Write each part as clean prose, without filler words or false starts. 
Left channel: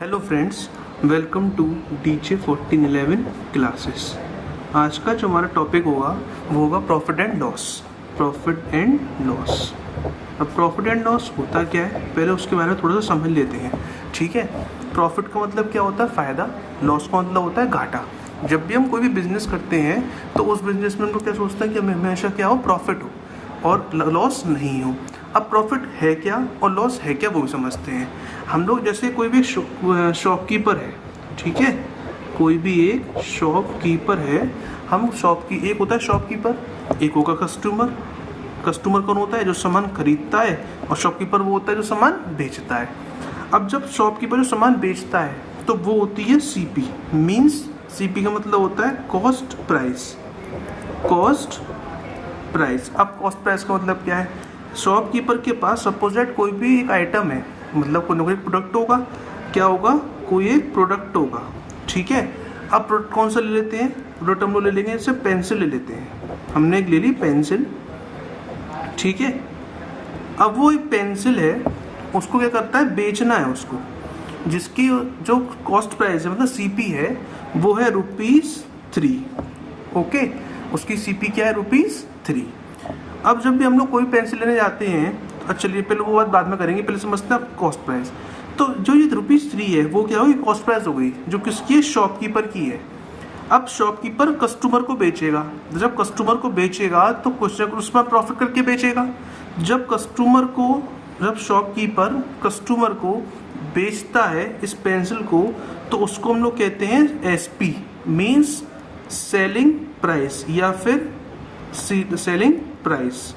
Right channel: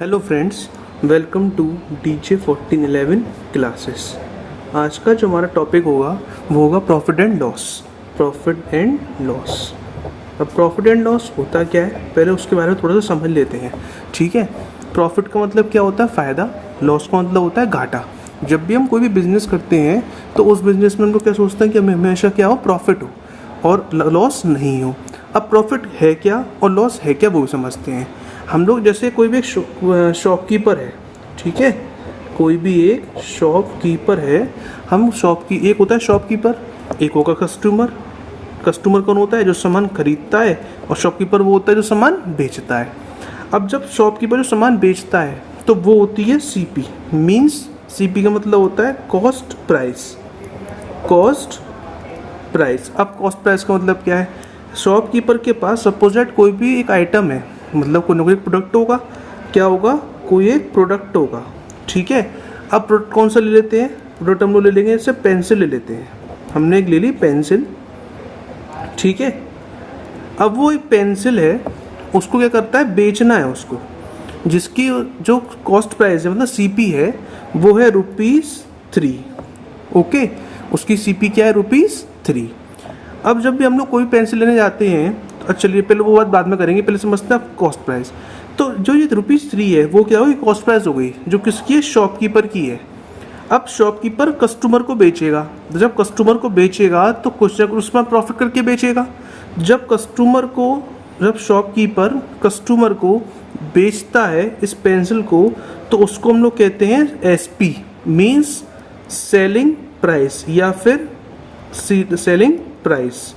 Hello friends, welcome to DJ 1411 classes. आज का जो हमारा टॉपिक होगा वो होगा profit and loss. Profit and loss. अब प्रॉफिट एंड लॉस होता क्या है, पहले उसके बारे में थोड़ा सा समझ लेते हैं। ठीक है, प्रॉफिट का मतलब क्या होता है? फ़ायदा। लॉस का मतलब होता है घाटा। जब भी हम कोई भी बिजनेस करते हैं तो उस बिजनेस में हम लोग क्या सोचते हैं कि हमें हमेशा क्या हो, प्रॉफिट हो और लॉस नहीं हो। अब प्रॉफिट है क्या और लॉस है क्या वो समझते हैं हम लोग। जैसे कोई भी शॉपकीपर है, ठीक है, कोई भी एक शॉपकीपर है। हम एक होता है शॉपकीपर, एक होगा कस्टमर। कस्टमर कौन होता है? जो सामान खरीदता है, और शॉपकीपर वो होता है जो सामान बेचता है। अब जब शॉपकीपर जो सामान बेचता है तो वो होती है सीपी। मीन्स सीपी का मतलब होता है कॉस्ट प्राइस। Cost price. अब कॉस्ट प्राइस का मतलब क्या है? शॉपकीपर के पास सपोज दैट कोई भी एक आइटम है, मतलब कोई ना कोई प्रोडक्ट होगा। क्या होगा? कोई एक प्रोडक्ट होगा। ठीक है, अब प्रोडक्ट कौन सा ले लेते हैं? प्रोडक्ट हम लोग ले लेंगे, जैसे पेंसिल ले लेते हैं। हमने एक ले ली पेंसिल, ठीक है। अब वो एक पेंसिल है, उसको क्या करता है? बेचना है उसको, जिसकी जो कॉस्ट प्राइस है मतलब सीपी है वो है ₹3। ओके, उसकी सीपी क्या है? ₹3। अब जब भी हम लोग कोई पेंसिल लेने जाते हैं तो चलिए पहले वो बात बाद में करेंगे, पहले समझते हैं कॉस्ट प्राइस। तो जो ये ₹3 है वो क्या होगी? कॉस्ट प्राइस हो गई, जो किसकी है? शॉपकीपर की है। अब शॉपकीपर कस्टमर को बेचेगा। जब कस्टमर को बेचेगा तो कुछ उसमें प्रॉफिट करके बेचेगा। जब शॉपकीपर कस्टमर को बेचता है इस पेंसिल को, तो उसको हम लोग कहते हैं एसपी, मीन्स सेलिंग प्राइस, या फिर selling price.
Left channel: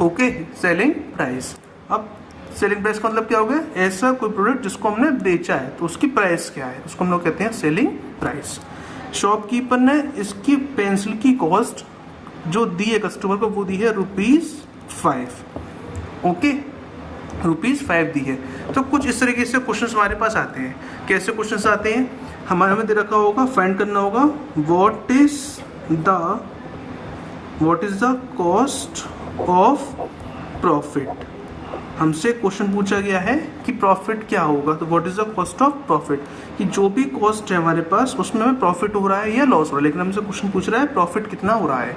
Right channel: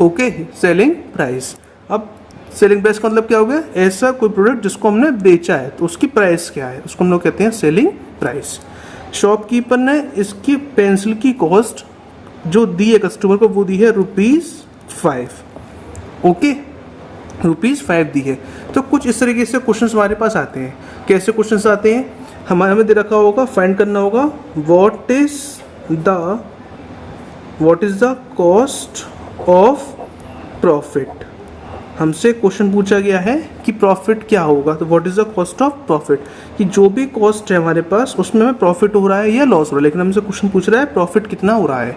Okay, selling price. अब सेलिंग प्राइस का मतलब क्या हो गया? ऐसा कोई प्रोडक्ट जिसको हमने बेचा है तो उसकी प्राइस क्या है, उसको हम लोग कहते हैं सेलिंग प्राइस। शॉपकीपर ने इसकी पेंसिल की कॉस्ट जो दी है कस्टमर को, वो दी है ₹5। ओके, ₹5 दी है। तो कुछ इस तरीके से क्वेश्चंस हमारे पास आते हैं। कैसे क्वेश्चंस आते हैं? हमें दे रखा होगा, फाइंड करना होगा what is the cost of profit. हमसे क्वेश्चन पूछा गया है कि प्रॉफिट क्या होगा, तो what is the cost of profit, कि जो भी कॉस्ट है हमारे पास उसमें हमें प्रॉफिट हो रहा है या लॉस हो रहा है। लेकिन हमसे क्वेश्चन पूछ रहा है प्रॉफिट कितना हो रहा है।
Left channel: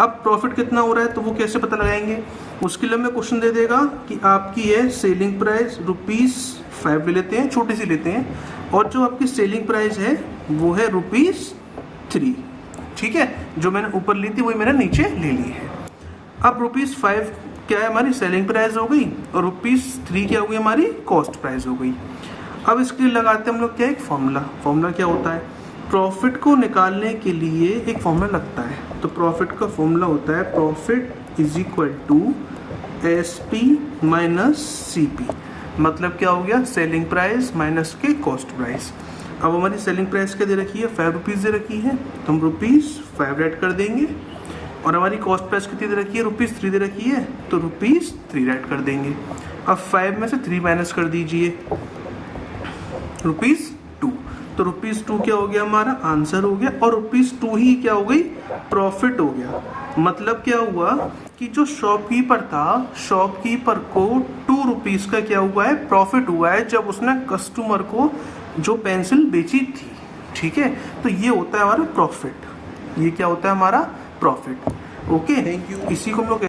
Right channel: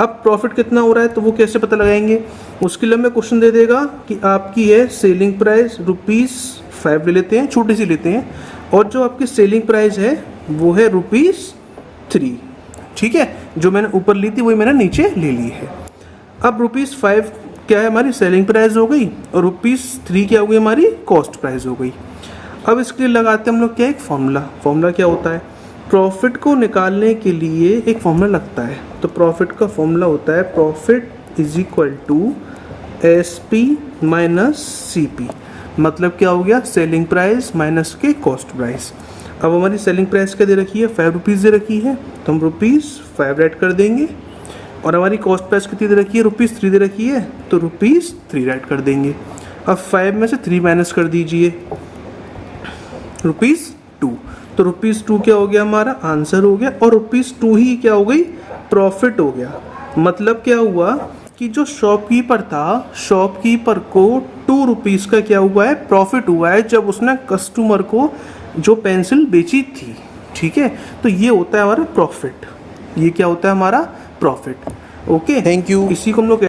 अब प्रॉफिट कितना हो रहा है तो वो कैसे पता लगाएंगे? उसके लिए हमें क्वेश्चन दे देगा कि आपकी है सेलिंग प्राइस ₹5 ले लेते हैं, छोटी सी लेते हैं, और जो आपकी सेलिंग प्राइस है वो है ₹3। ठीक है, जो मैंने ऊपर ली थी वही मैंने नीचे ले ली है। अब ₹5 क्या है? हमारी सेलिंग प्राइस हो गई, और ₹3 क्या हो गई? हमारी कॉस्ट प्राइस हो गई। अब इसके लिए लगाते हैं हम लोग क्या? एक फॉर्मूला क्या होता है? प्रॉफिट को निकालने के लिए एक फॉर्मूला लगता है। तो प्रॉफिट का फॉर्मूला होता है profit is equal to SP minus CP। मतलब क्या हो गया? सेलिंग प्राइस माइनस के कॉस्ट प्राइस। अब हमारी सेलिंग प्राइस क्या दे रखी है? ₹5 दे रखी है, तो हम ₹5 ऐड कर देंगे। और हमारी कॉस्ट प्राइस कितनी दे रखी है? ₹3 दे रखी है, तो ₹3 ऐड कर देंगे। अब 5 में से 3 माइनस कर दीजिए, ₹2। तो ₹2 क्या हो गया? हमारा आंसर हो गया। और ₹2 ही क्या हो गई? प्रॉफिट हो गया। मतलब क्या हुआ कि जो शॉपकीपर था, शॉपकीपर को ₹2 का क्या हुआ है? प्रॉफिट हुआ है, जब उसने कस्टमर को जो पेंसिल बेची थी। ठीक है, तो ये होता है हमारा प्रॉफिट। ये क्या होता है? हमारा प्रॉफिट। Okay, thank you. इसी को हम लोग